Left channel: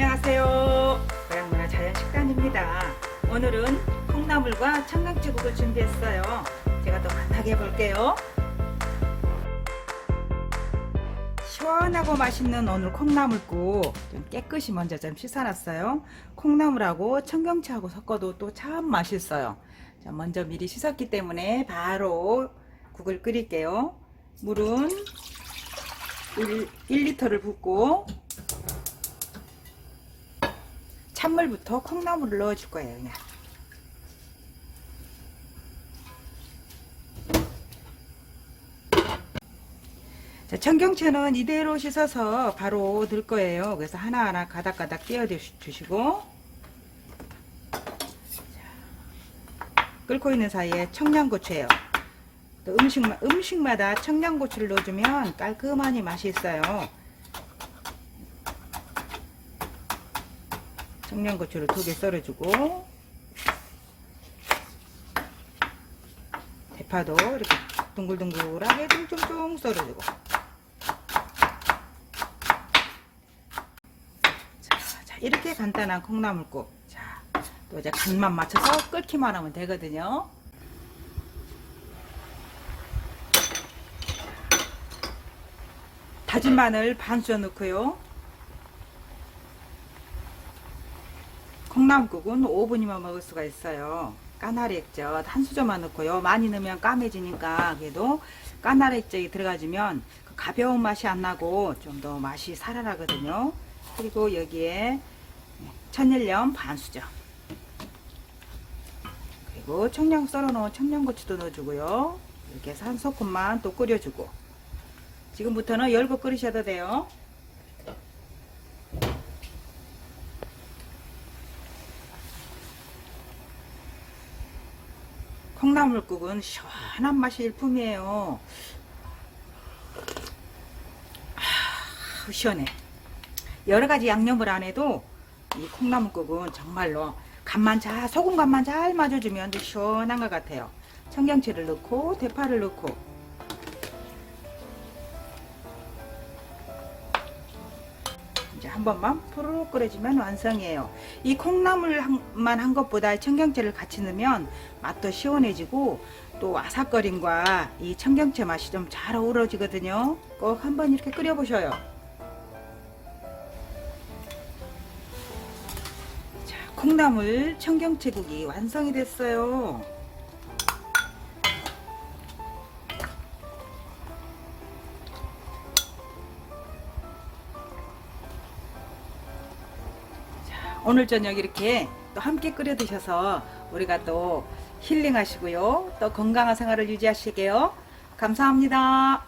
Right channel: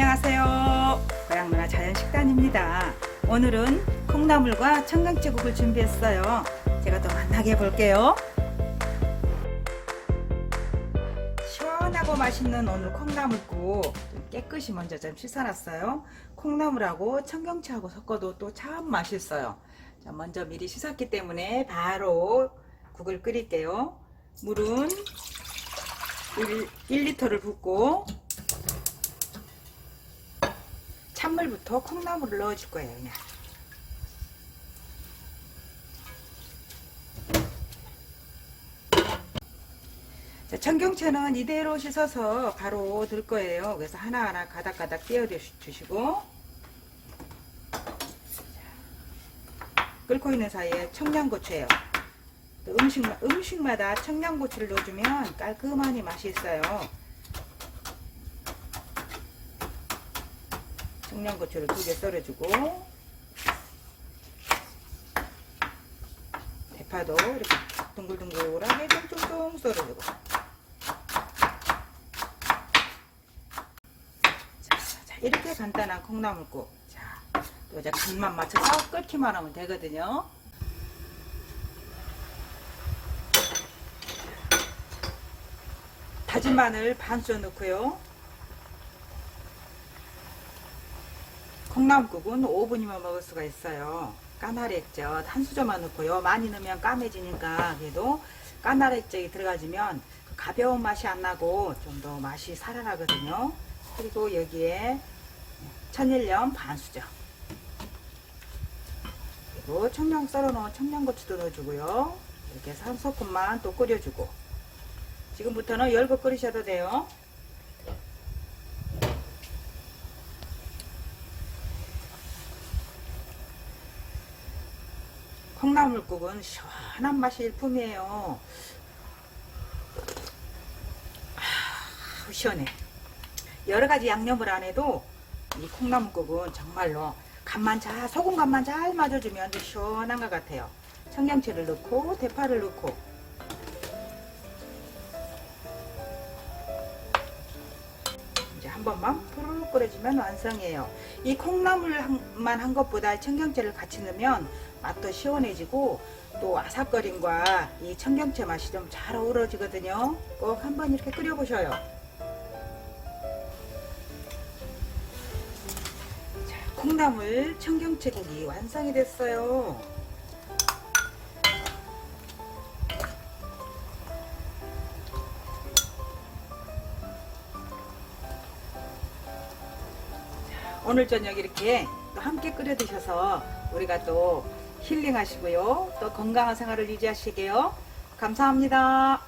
안녕하세요. 고향문화 자연식단입니다. 오늘은 콩나물과 청경채국을 준비했어요. 제가 또 만나게 해볼게요. 시원하고 맛있는 오늘 콩나물국 좀 깨끗이 먼저 좀 씻어놨어요. 콩나물하고 청경채하고 섞어도 또 참 맛있어요. 자, 먼저 미리 씻었기 때문에 바로 국을 끓일게요. 물은 1, 1리터를 붓고 찬물부터 콩나물을 넣어줄 거예요. 그냥. 자, 청경채는 이대로 씻어서 바로 넣을 거예요. 그래서 하나하나 가닥가닥 띄워 주시고 자, 끓고 있는 사이에 청양고추예요. 또 음식, 음식마다 청양고추를 넣어주면 깔끔하니 맛이 있어요. 청양고추를 두 개 썰어주고 대파도 이렇게 둥글둥글하게 쫑쫑쫑 썰어주고. 자, 자, 이렇게 간단한 콩나물국. 자, 또 이제 간만 맞춰서 끓기만 하면 되거든요. 다진 마늘 반 쑤어 넣고요 콩나물국은 5분이면 먹을 수가 있어요. 까나리 액젓 한 수저만 넣고요. 많이 넣으면 까매지니까 그래도 까나리 액젓이 들어가주면 그 가벼운 맛이 안 나고 좀 더 맛이 살아나거든요. 그리고 여기에 천일염 반 수저 그리고 청양 썰어 놓은 청양고추도 넣어주고요. 이렇게 해서 한 소금만 또 끓여주고 지금부터는 열고 끓이셔도 돼요. 콩나물국은 시원한 맛이 일품이에요. 아, 시원해. 여러 가지 양념을 안 해도 이 콩나물국은 정말로 간만 잘, 소금 간만 잘 맞아주면 아주 시원한 것 같아요. 청경채를 넣고 대파를 넣고 이제 한 번만 푸르 끓여주면 완성이에요. 이 콩나물만 한 것보다 청경채를 같이 넣으면 맛도 시원해지고 또 아삭거림과 이 청경채 맛이 좀 잘 어우러지거든요. 꼭 한번 이렇게 끓여보셔요. 자, 콩나물 청경채국이 완성이 됐어요. 오늘 저녁 이렇게 또 함께 끓여 드셔서 우리가 또 힐링하시고요. 또 건강한 생활을 유지하시게요. 감사합니다.